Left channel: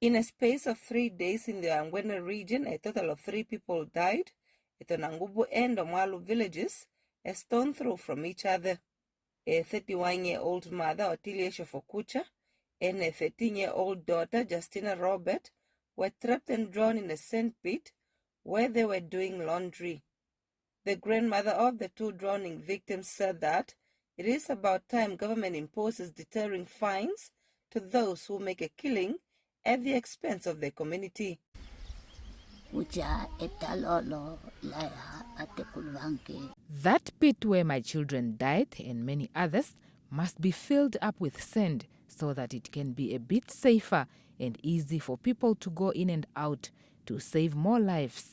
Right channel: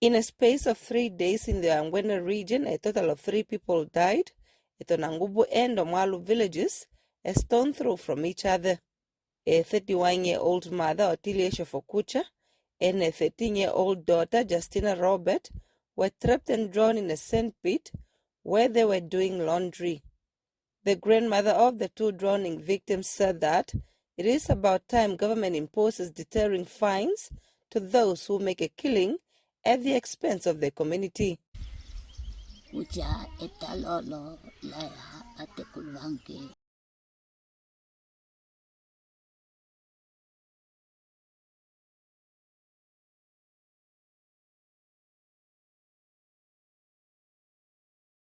In a space of 3 days in the Angwena region, a total of 3 people died at the Nangubu and Omwalu villages, a stone throw from each other. A 31-year-old mother, Otilia Shofokucha, and a 13-year-old daughter, Justina Robert, were trapped and drawn in a sand pit where they were doing laundry. The grandmother of the 2 drowning victims said that it is about time government imposes deterring fines to those who make a killing at the expense of the community. That pit where my children died and many others must be filled up with sand so that it can be a bit safer and easy for people to go in and out to save more lives.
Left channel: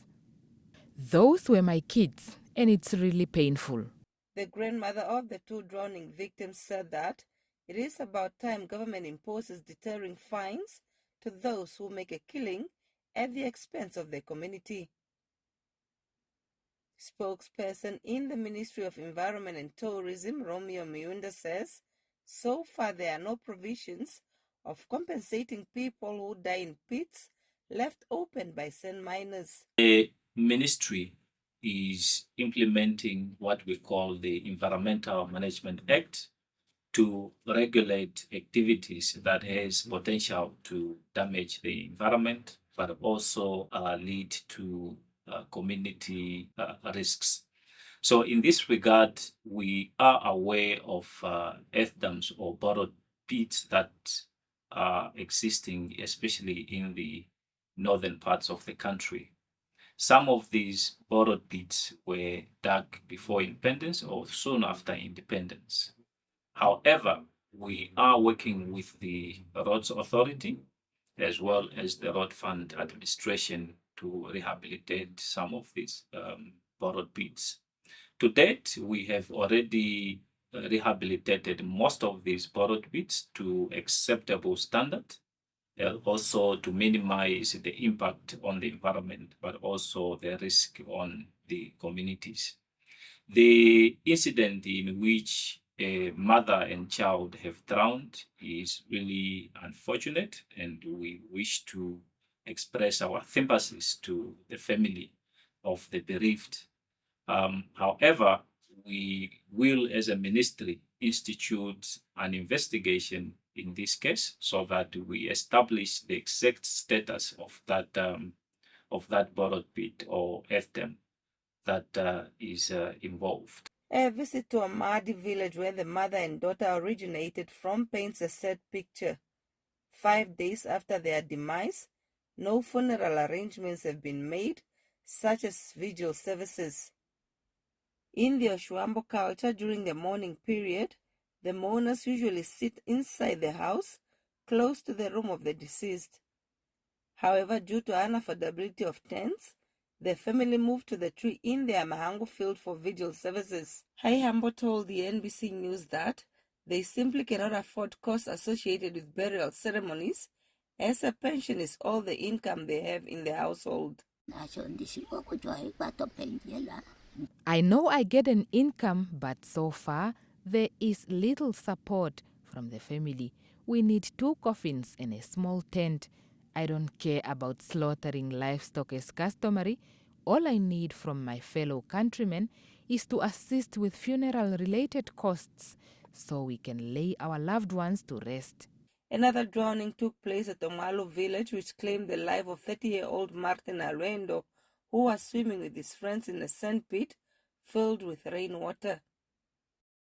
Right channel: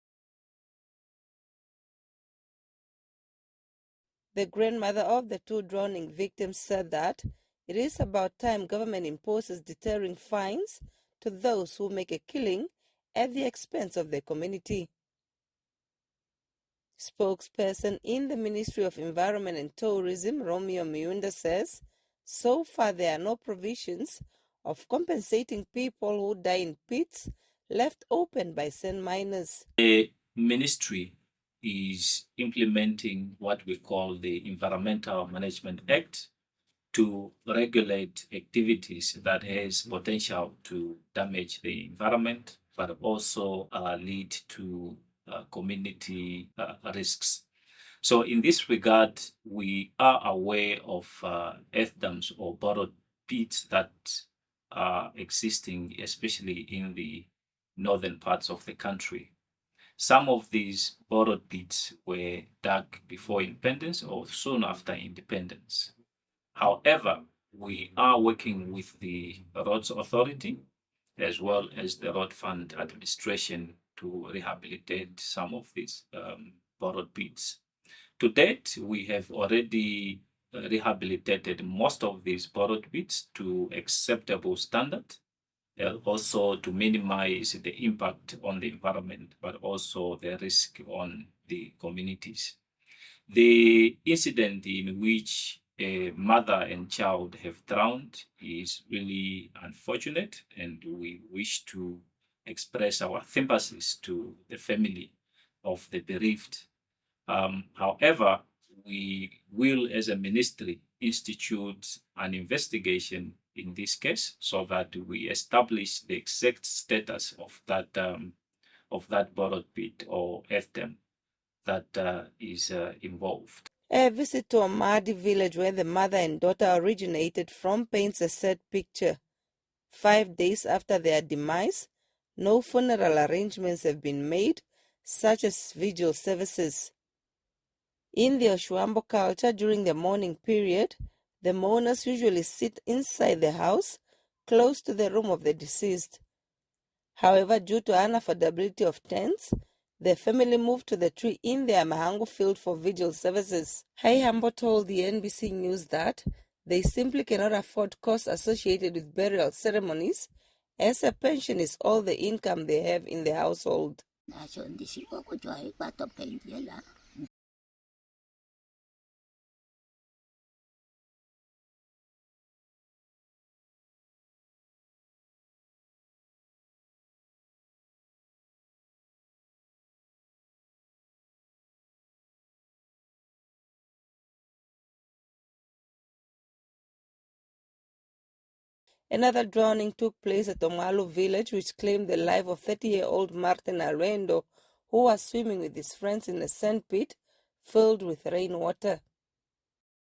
Those were my kids, and it's really painful. The grandmother of the 2 drowning victims said that it is about time government imposes deterring fines to those who make a killing at the expense of the community. Spokesperson in the Ministry of Environment and Tourism, Romeo Miunda, says so far there are no provisions of compensating people who die in pits left open by sand miners. The ministry is implementing what we call the Environmental Management Act to regulate activities that has potential to damage the environment, but also lead to community risks. So in this regard, we are aware of earth dams or borrowed pits that are existing, especially in the northern parts of the country. Some of these borrowed pits were dug before independence or soon after independence. However, we are working with the Roads Authority as well as the Road Fund Administration to rehabilitate some of these borrowed pits. To date, we have already rehabilitated most of these borrowed pits to acceptable standard, also to minimize the impact on the environment, but also the risk on the communities. The incident in which a mother and child have drowned is really unfortunate, and we wish to express our sympathies to the family of the bereaved. However, we will, as a ministry, institute an investigation in this case so that we establish the exact status of that borrowed pit or earth dam that is involved. A visit to Amadi village where the mother and daughter originated from paints a sad picture. 5 days after their demise, no funeral arrangements have been made, such as vigil services. In the Oshuambo culture, during the mourning period, the mourners usually sit inside the house, close to the room of the deceased. However, due to unaffordability of tents, the family moved to the tree in their Mahango field for vigil services. Hambo told the NBC News that they simply cannot afford costs associated with burial ceremonies, as a pension is all the income they have in the household. I know I get an income, but so far there is little support from the family. We need 2 coffins and a small tent. I don't care about slaughtering livestock as customary. All I need from my fellow countrymen is to assist with funeral-related costs so we can lay our loved ones to rest. Another drowning took place at Omalo village, which claimed the life of 30-year-old Martin Arendo, who was swimming with his friends in a sand pit filled with rainwater.